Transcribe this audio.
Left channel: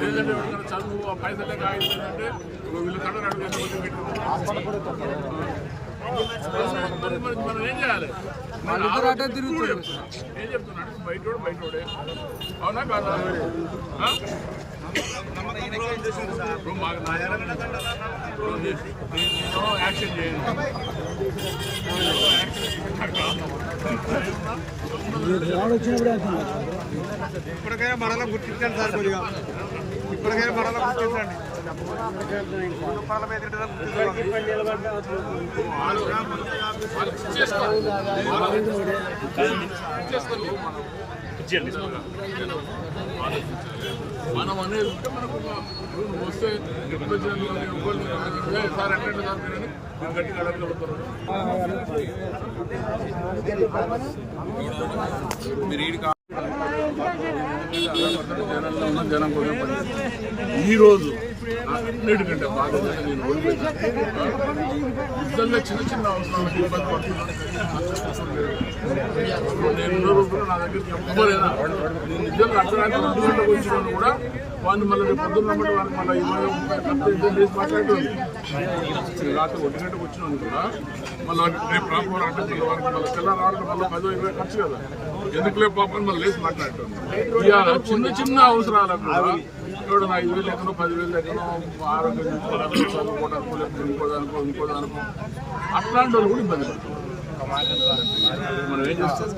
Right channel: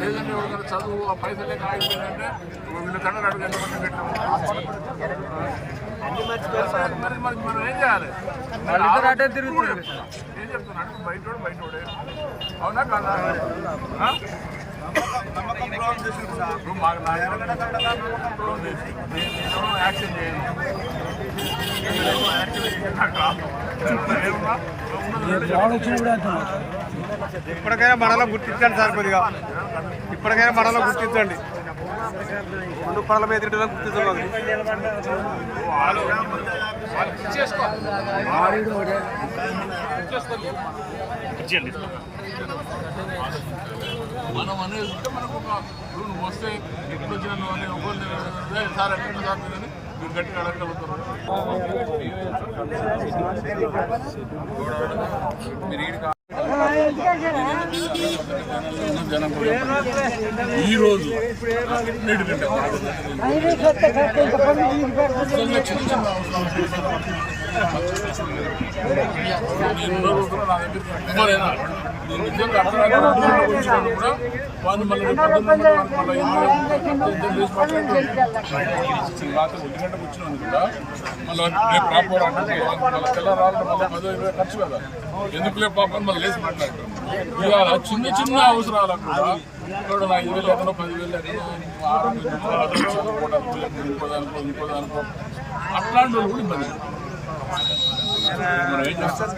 లేదంటే ఎవరికైనా చదువు ఆ పైసలు లేక ఆగిపోయిందంటే వీళ్ళ తండ్రి అడుగు ఎంతమంది పెట్టాము మరి మరి మనం ఏం చేయాలి. ఏం చెప్తున్నాడు ఇప్పుడు బయటోడు బయటోడే అవునా కాదా? ఇప్పుడు మాకు నా నేను యాక్షన్ చేయను. నేను యాక్షన్ చేసి నాకు రాదు. ఇప్పటికైనా మనలో గుర్తించండి సార్ కొద్దిగా. ఇప్పటికైనా మనలో గుర్తించండి. పడల మీద తిట్టడం గుర్తించండి మనం అనేది ఉంటే మనకు ఒక ఇప్పుడు నువ్వు వస్తే ఎప్పుడు వచ్చిన నువ్వు అని ఒకళ్ళు సార్ ఎట్లా సార్ మీరని మీరు గట్టిగా అడగలుగుతారు మీరు ఈడికి పర్సెంట్ జనాల్లో ఉన్న జనం కోసం పనిచేస్తాను. ఈ అన్నిటికంటే బాధ్యత నేను ఓడిపోయాను నిజంగా చిన్న చిన్న అవసరాలకు ఇబ్బంది పడుతున్నాను నేను ఎన్నో రోజులు నా దగ్గరికి ఎవ్వరైనా నేను నిజంగా అర్థమైతే రెండు గంటలకు వచ్చినాను కూడా వాడిని మళ్ళీ రేపు పొద్దున్న రమ్మంటే వాడిని మళ్ళీ ఇరవై ముప్పై ఖర్చు ఎంత చేసి మాట్లాడుతుంది రాత్రి ఒంటి గంటకు వచ్చినాను కూడా మళ్ళీ రేపు రాపోరా అంటే వాడికి మళ్ళీ తెల్లారాలంటే మళ్ళీ పదో ఇరవై ఖర్చు కదా. ఎందుకులే పాపని మళ్ళీ లేచి మాట్లాడుతుంది ఇవాళ చిన్న చిన్న అవసరాలకు కూడా ఇక్కడ ఐదు వేలు ఎక్కనో పదివేలు ఎక్కనో ఆరోగ్యం చూసుకోవడానికి చదువుకోవడానికి లేకపోతే ఇంకోదానికో ఇంకోదానికో అట్లాంటి వాళ్ళు కూడా ఇబ్బంది పడుతుంది మనం ఏం చేస్తాం?